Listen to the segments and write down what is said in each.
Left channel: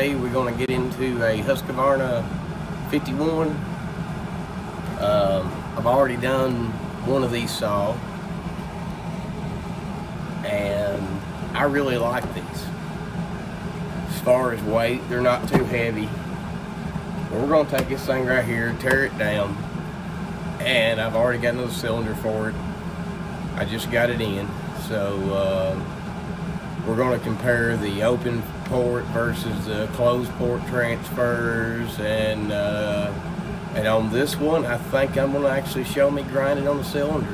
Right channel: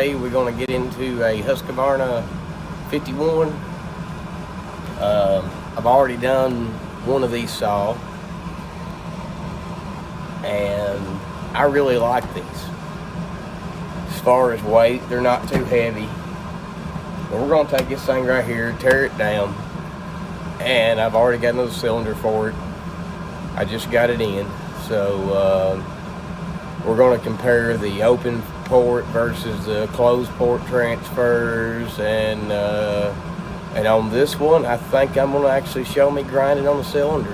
today we're going to get into a Husqvarna 51. I've already done one of these saw, and I really like this. As far as weight, they're not too heavy. And we're going to take this thing right here, tear it down, and I've already got another cylinder for it. I just got it in, so we're going to compare the open port versus the closed port transfers, and on this one, I think I'm going to actually show me grinding on the cylinder.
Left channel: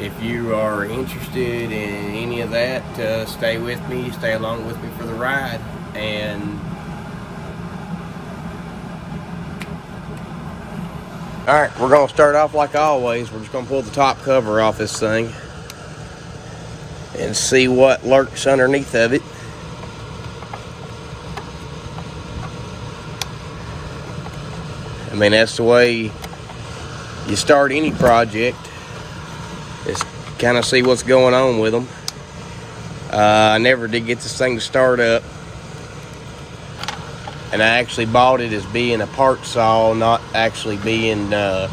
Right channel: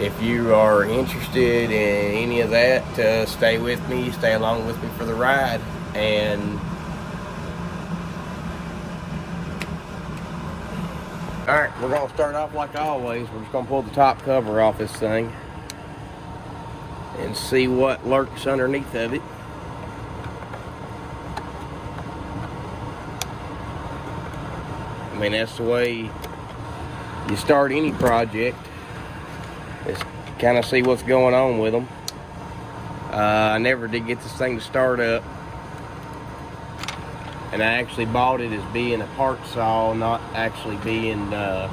If you are interested in any of that, stay with me, stay along with me for the ride. And alright, we're going to start off like always. We're just going to pull the top cover off this thing and see what lurks underneath of it. I mean, that's the way you start any project, is kind of see what's going on with them. I never did get this thing to start up, and I actually bought it as being a part saw, not actually being a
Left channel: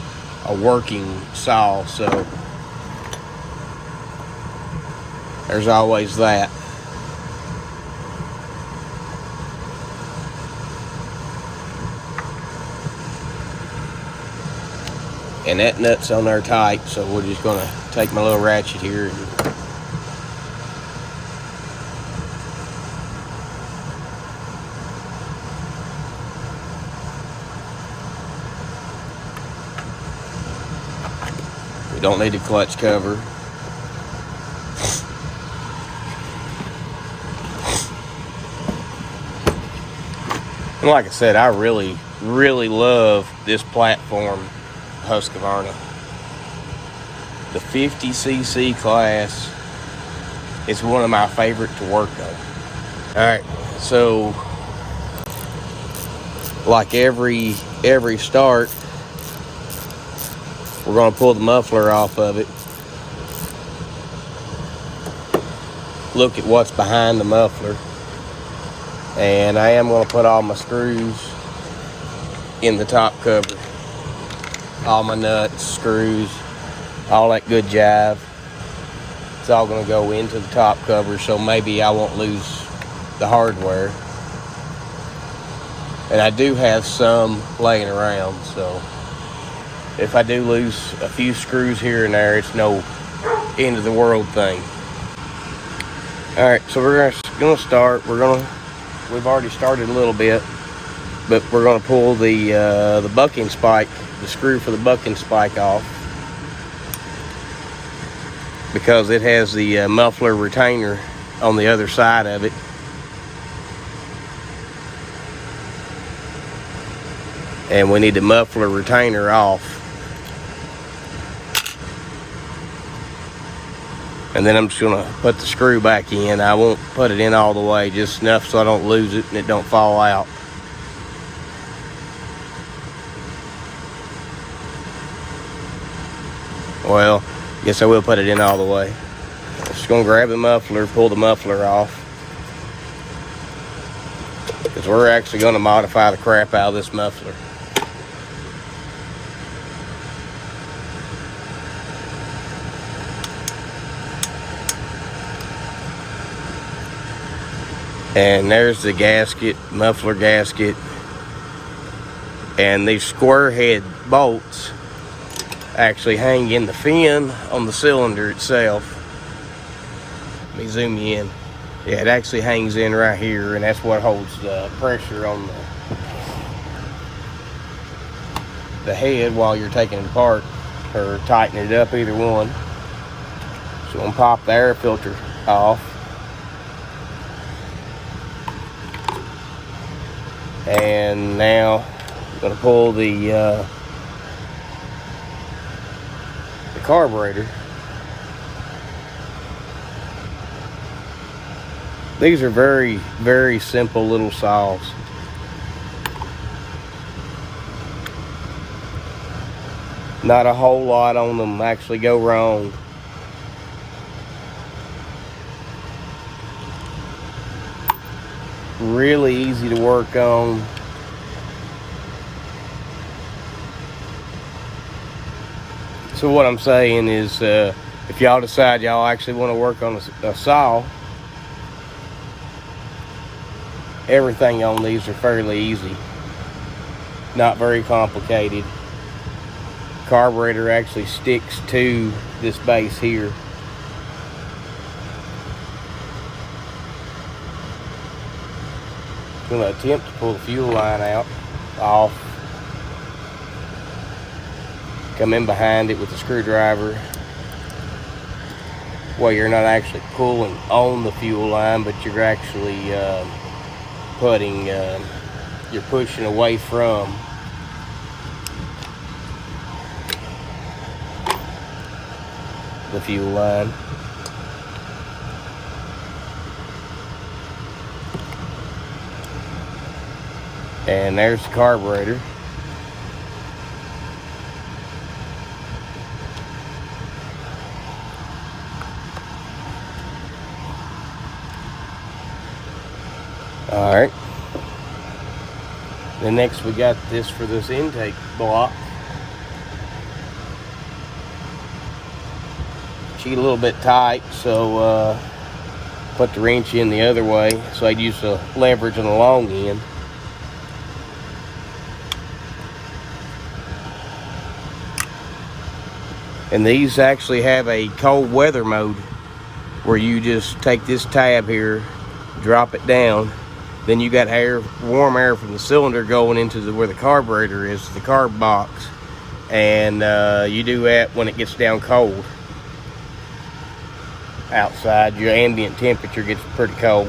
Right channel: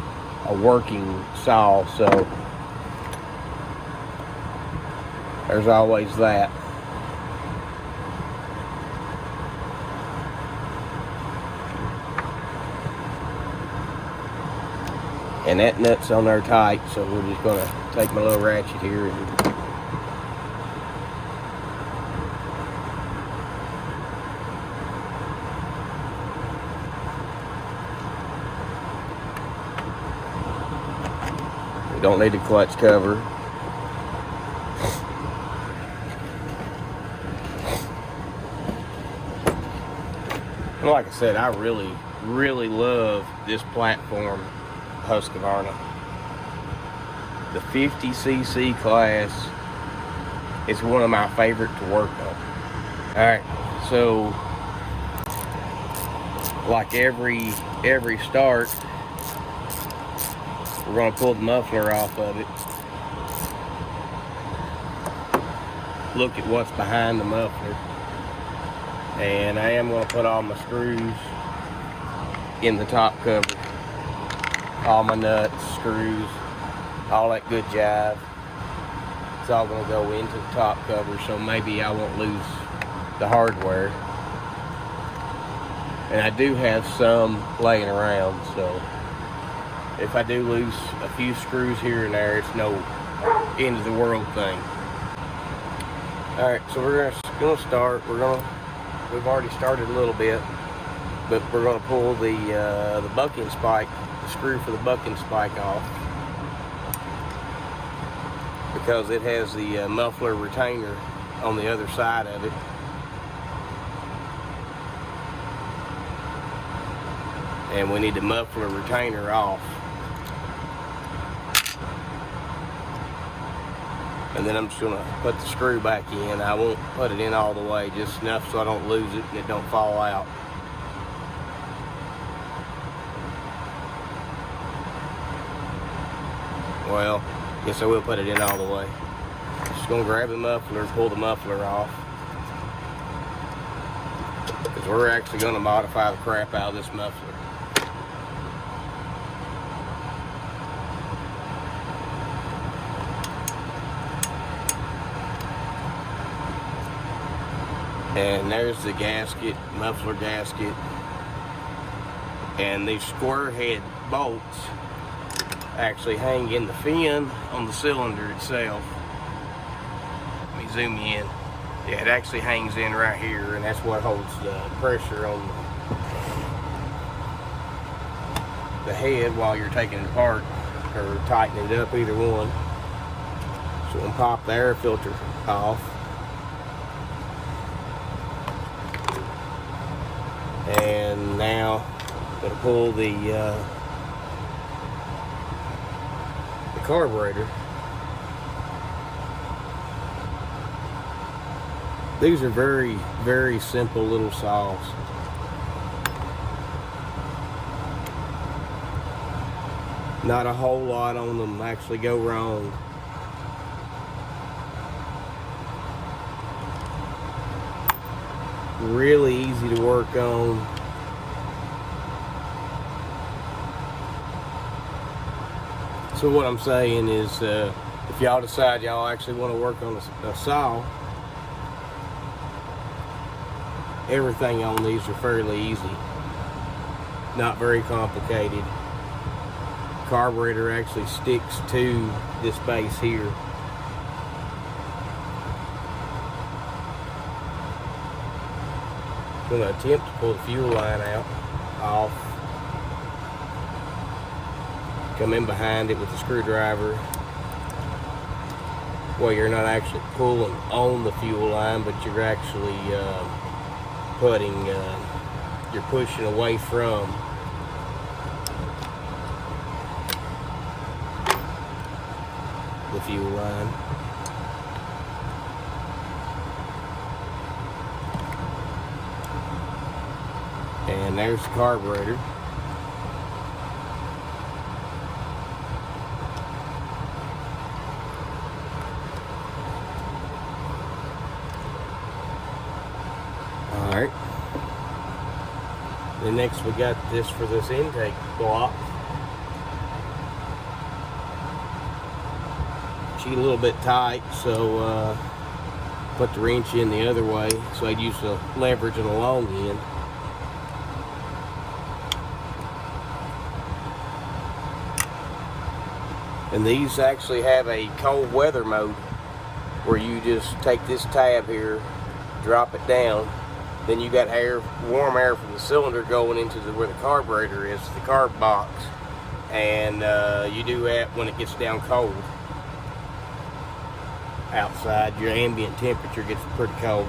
working saw, so there's always that. And that nut's on there tight, so we're just gonna take my little ratchet here and we don't need a clutch cover. And like I said, I really love this platform, Husqvarna. The 50cc class is one of my favorite to work on. Alright, so like every start, we're going to pull the muffler off of it. Look at what's behind the muffler. And I am going to put all my screws in the top cover. All my nuts, screws, all that good jive. It's all going to go into the top cover, so maybe I won't lose the hardware. And I do have some laying around, so if I do lose a few screws here and there, it's no end of the world thing. Alright, so we're going to start. We've already started a little bit, but we're going to pull the bucking spike, the screw for the bucking spike off, because it has the muffler retainer on the other side of it. And we need the muffler retainer off. And then I'm just going to put the screw back in. I won't put it in all the way, just enough so I don't lose it and it don't fall out. Well, guess I will put it in all the way. I'm just going to grab the muffler, pull the muffler off, because we're actually going to modify the crap out of this muffler. And there's the gasket, muffler gasket, and these square head bolts actually hang in the fin on the cylinder itself. Let me zoom you in. Yeah, it actually hangs in right here, and that's what holds the pressure on the head while you're taking it apart or tightening it up, either one. So I'm gonna pop the air filter off. And now I'm going to pull the carburetor. These are very simple little saws. Not a whole lot on them actually go wrong. really easy to work on. So what I'm saying is, if y'all decide y'all actually want to work on a saw, everything on these are fairly easy, not very complicated. Carburetor actually sticks to this base here. I'm going to attempt to pull the fuel line off. Come in behind it with the screwdriver. Well, you're not actually pulling on the fuel line, but you're actually you're pushing away from the fuel line. And there's the carburetor. Alright. Then next we got this for this intake block. Sheet a little bit tight, so put the wrench in the other way, so I'd use the leverage on the long end. And these actually have a cold weather mode where you just take this tab here, drop it down, then you got air, warm air from the cylinder going into where the carburetor is, the carb box, and you do that when it gets down cold. Outside, your ambient temperature gets pretty cold.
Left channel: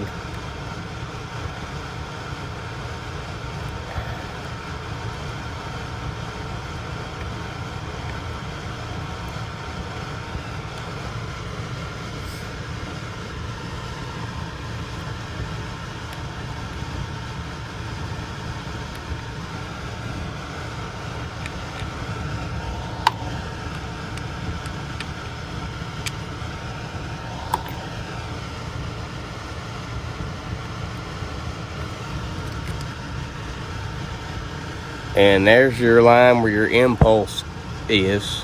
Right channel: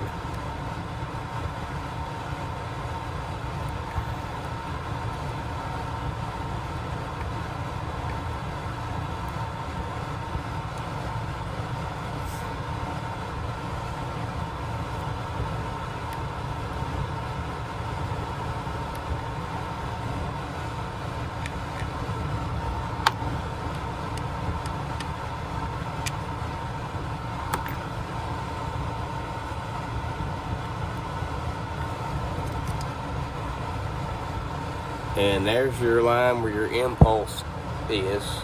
And there's your line where your impulse is.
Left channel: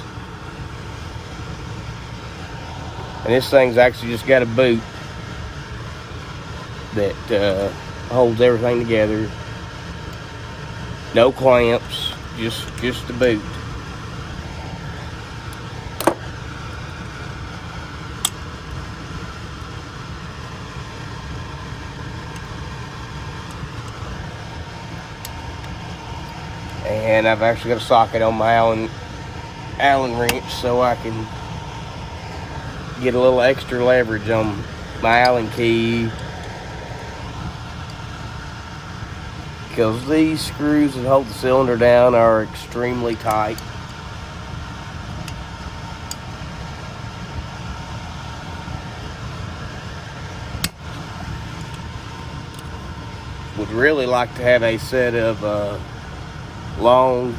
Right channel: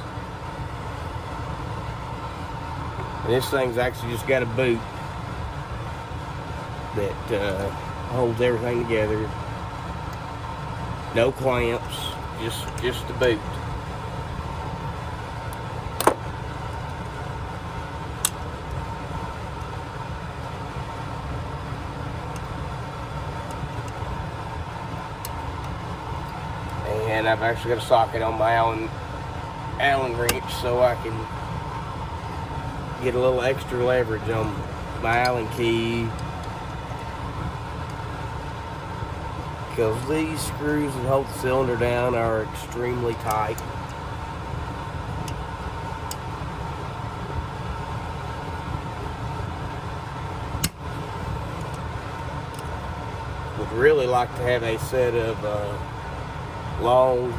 And this thing's actually just got a boot that holds everything together. No clamps, just the boot. And I've actually got a socket on my Allen wrench so I can get a little extra leverage on my Allen key, because these screws that hold the cylinder down are extremely tight. Would really like to have a set of long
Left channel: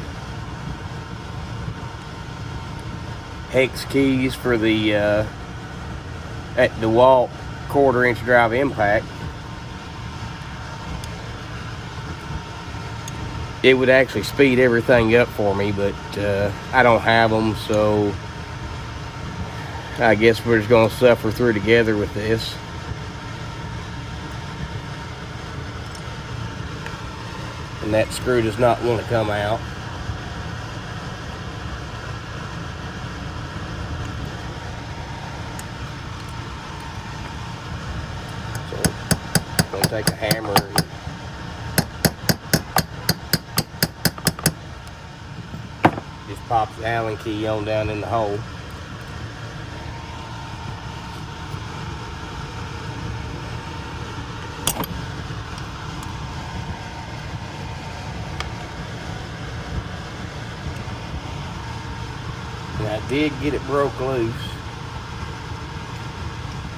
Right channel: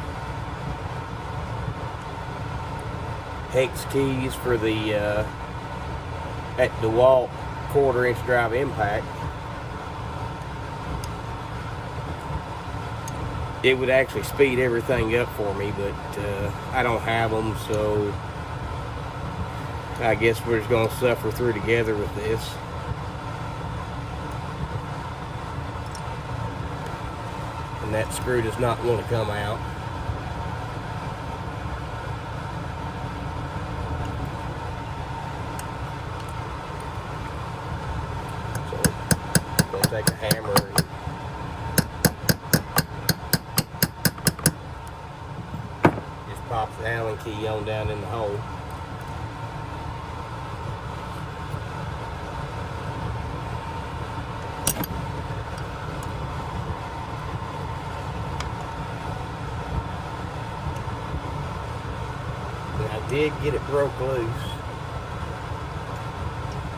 hex keys for the at DeWalt 1/4 inch drive impact. It would actually speed everything up for me, but I don't have them, so I guess we're just going to suffer through together with this. And that screw does not want to come out. So I'm going to take a hammer and just pop the Allen key on down in the hole. I did get it broke loose,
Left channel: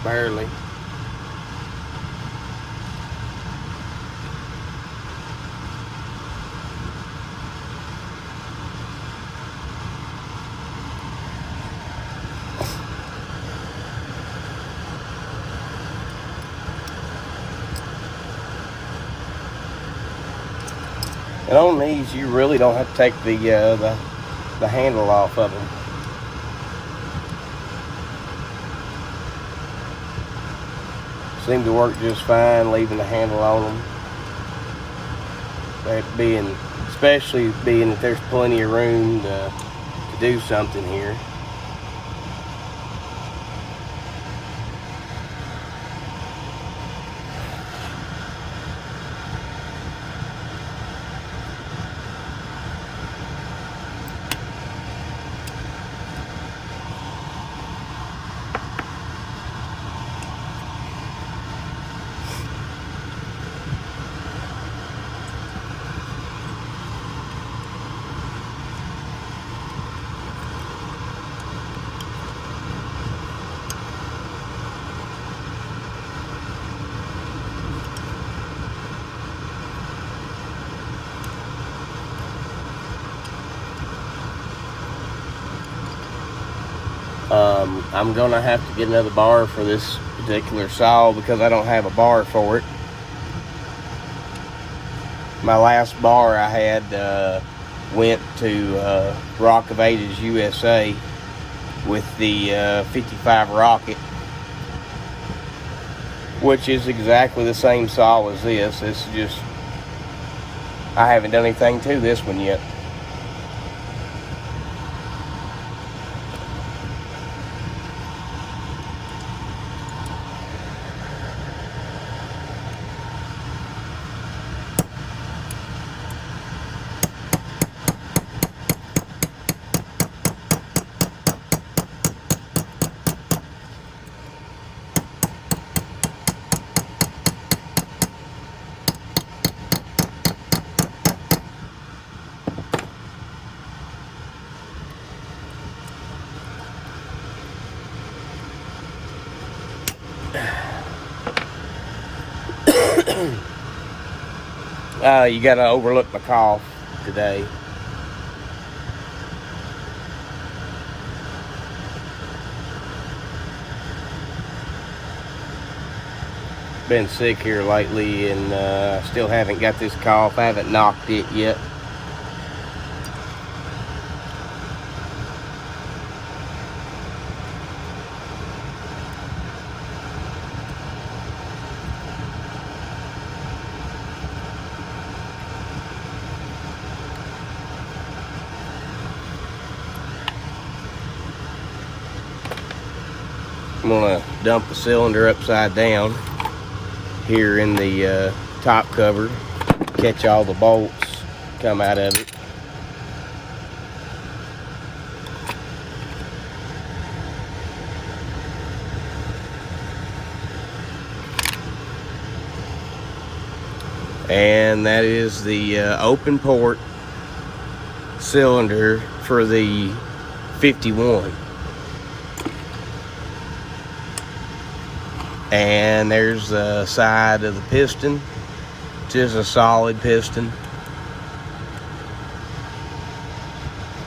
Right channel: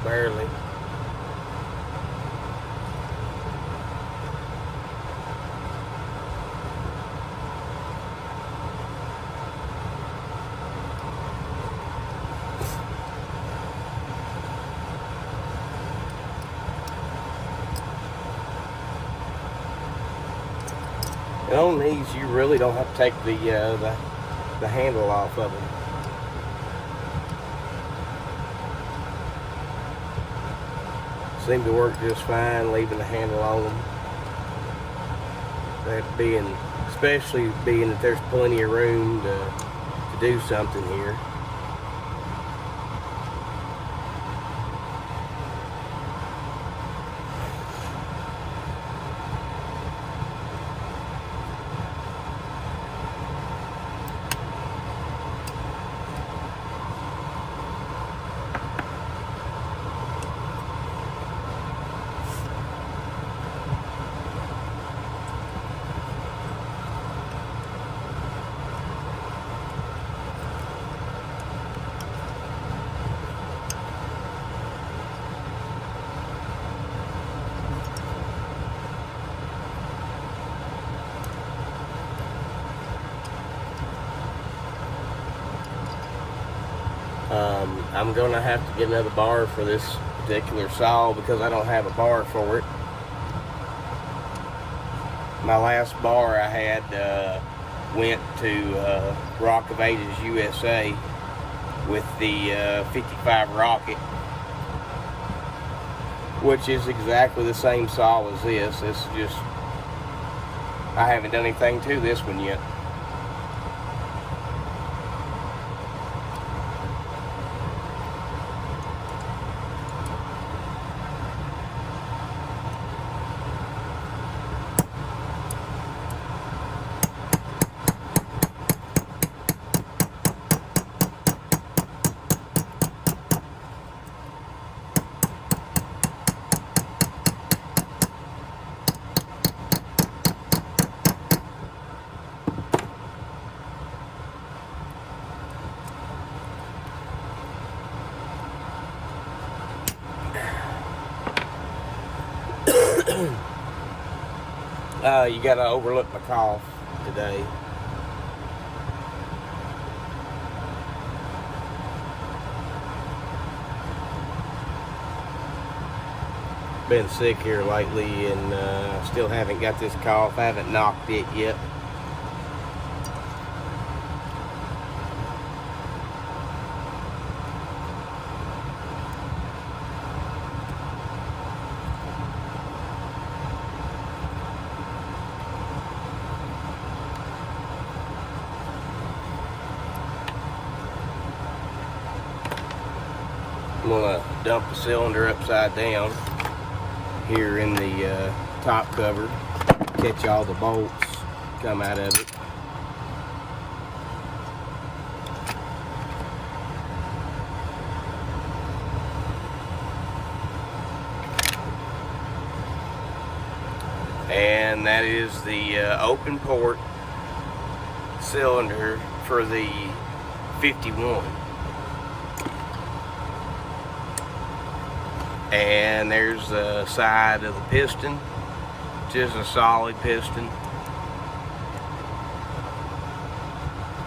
barely. And on these, you really don't have to take the handle off of them. Seem to work just fine, leaving the handle on them. That being, especially being that there's plenty of room to do something here. I'm gonna have to get another bar for this particular saw because I don't have a bar for it. My last bar I had went to Rock of Ages USA with the 55 Rocket, which is exactly the same saw as this. This is just, I haven't done anything to this one yet. You gotta overlook my cough today. Been sick here lately and still haven't got this cough. I haven't knocked it yet. I'm gonna dump the cylinder upside down here in the top cover, catch all the bolts come out of it. And that is the open port cylinder for the 51. And there's the side of the piston, which is a solid piston.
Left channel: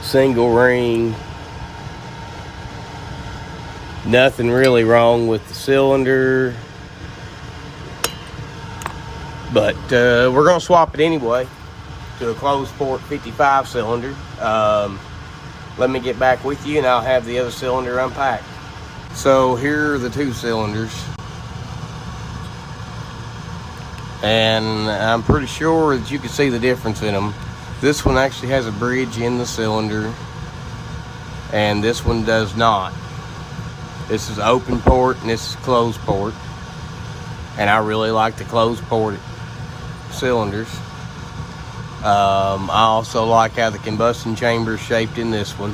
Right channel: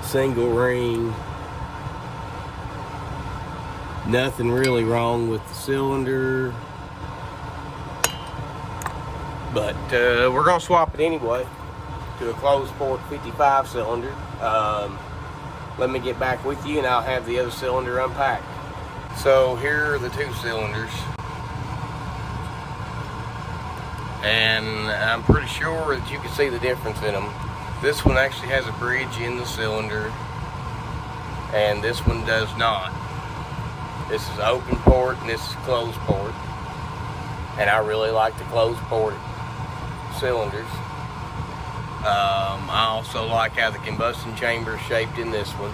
Single ring. Nothing really wrong with the cylinder. But we're gonna swap it anyway to a closed port 55 cylinder. Let me get back with you and I'll have the other cylinder unpacked. So here are the two cylinders. And I'm pretty sure that you can see the difference in them. This one actually has a bridge in the cylinder, and this one does not. This is open port and this is closed port. And I really like the closed port cylinders. I also like how the combustion chamber is shaped in this one.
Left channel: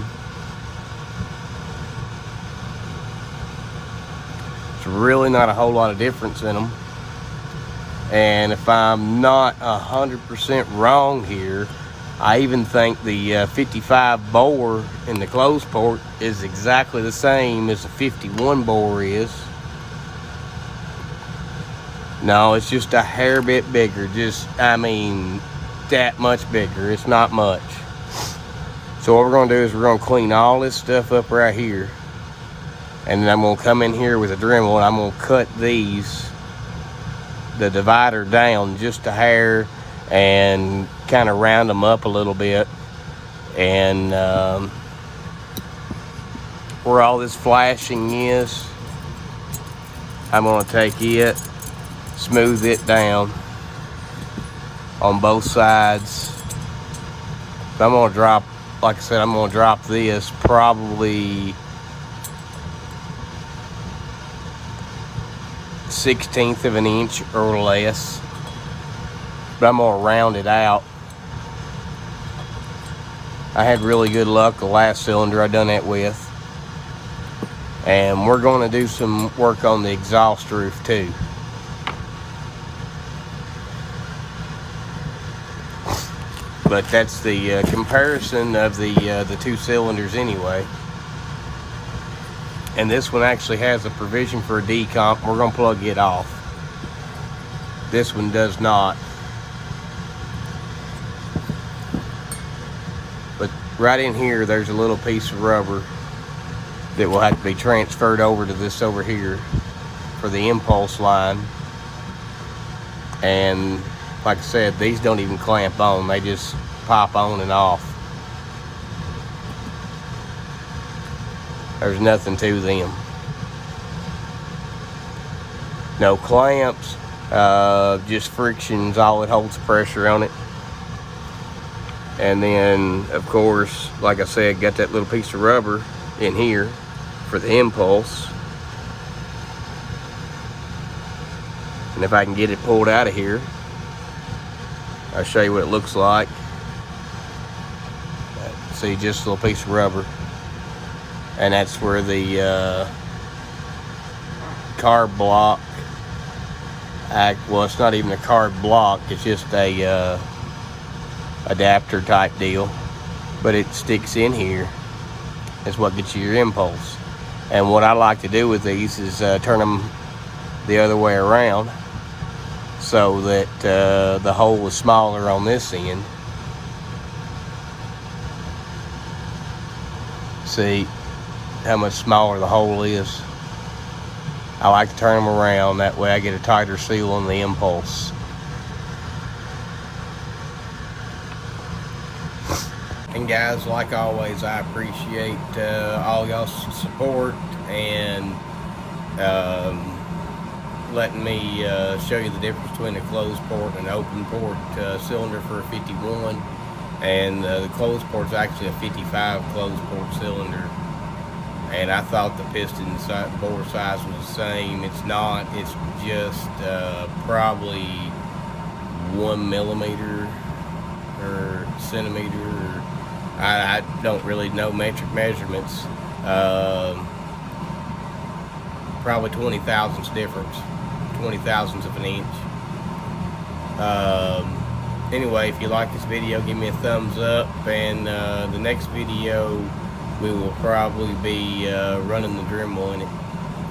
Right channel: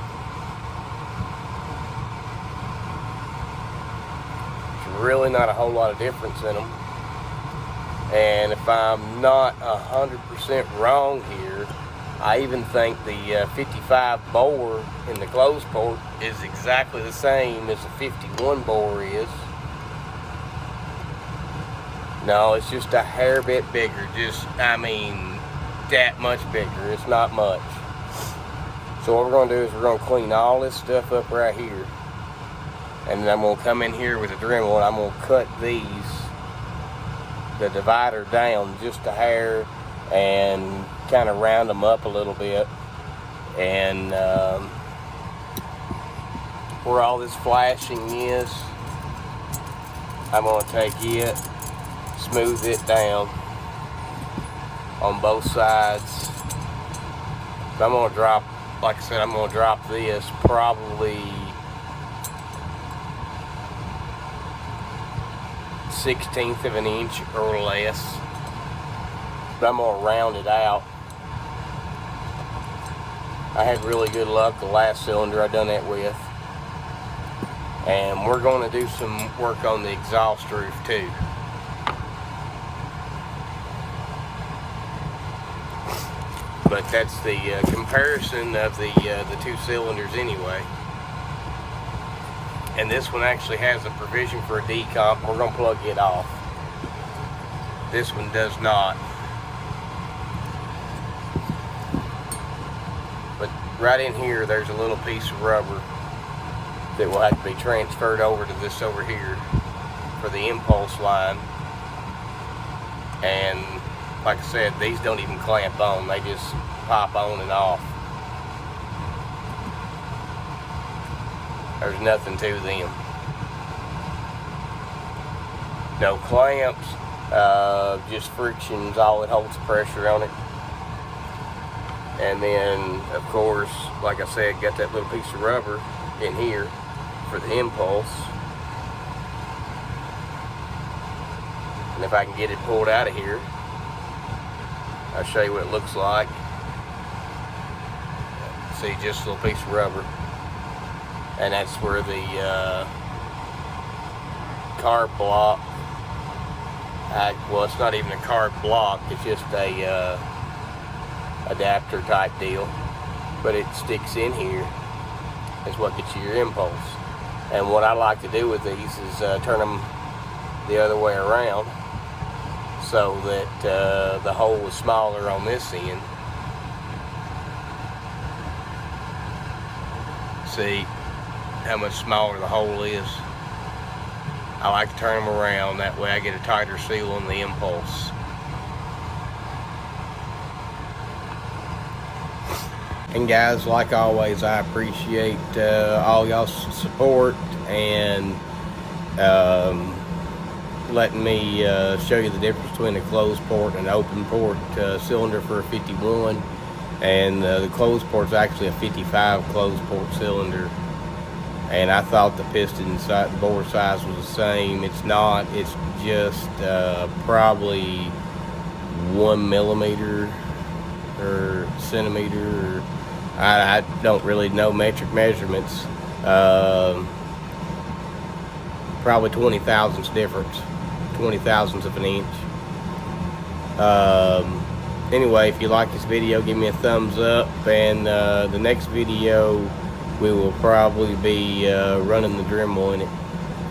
There's really not a whole lot of difference in them. And if I'm not 100% wrong here, I even think the 55 bore in the closed port is exactly the same as the 51 bore is. No, it's just a hair bit bigger. Just, I mean, that much bigger. It's not much. So what we're gonna do is we're gonna clean all this stuff up right here. And then I'm gonna come in here with a Dremel and I'm gonna cut the divider down just a hair, and kind of round them up a little bit. And where all this flashing is, I'm going to take it, smooth it down on both sides. I'm going to drop, like I said, I'm going to drop this probably 1/16 of an inch or less, but I'm going to round it out. I had really good luck the last cylinder I done that with. And we're going to do some work on the exhaust roof too. But that's the comparison of the two cylinders anyway. And this one actually has a provision for a decomp. We're going to plug it off. This one does not. But right in here, there's a little piece of rubber that will have to be transferred over to this over here for the impulse line. And like I said, these don't even clamp on, they just pop on and off. There's nothing to them. No clamps, just friction's all that holds pressure on it. And then, of course, like I said, got that little piece of rubber in here for the impulse. And if I can get it pulled out of here, I'll show you what it looks like. See, just a little piece of rubber. And that's where the carb block, well, it's not even a carb block, it's just a adapter type deal. But it sticks in here. That's what gets you your impulse. And what I like to do with these is turn them the other way around, so that the hole is smaller on this end. See how much smaller the hole is? I like to turn them around, that way I get a tighter seal on the impulse. And guys, like always, I appreciate all y'all's support and letting me show you the difference between a closed port and an open port cylinder for a 51. And the closed port is actually a 55 closed port cylinder. And I thought the piston size, bore size was the same. It's not. It's just probably 1 millimeter or centimeter. Or, I don't really know metric measurements. Probably 20 thousandths difference. 20 thousandths of an inch. Anyway, if you like this video, give me a thumbs up, and the next video we will probably be running the Dremel in it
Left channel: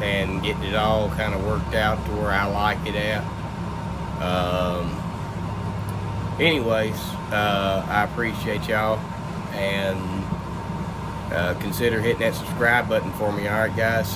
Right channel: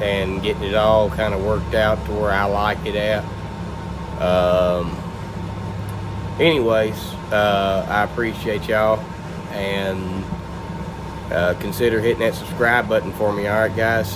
and getting it all kind of worked out to where I like it at. Anyways, I appreciate y'all, and consider hitting that subscribe button for me. Alright guys?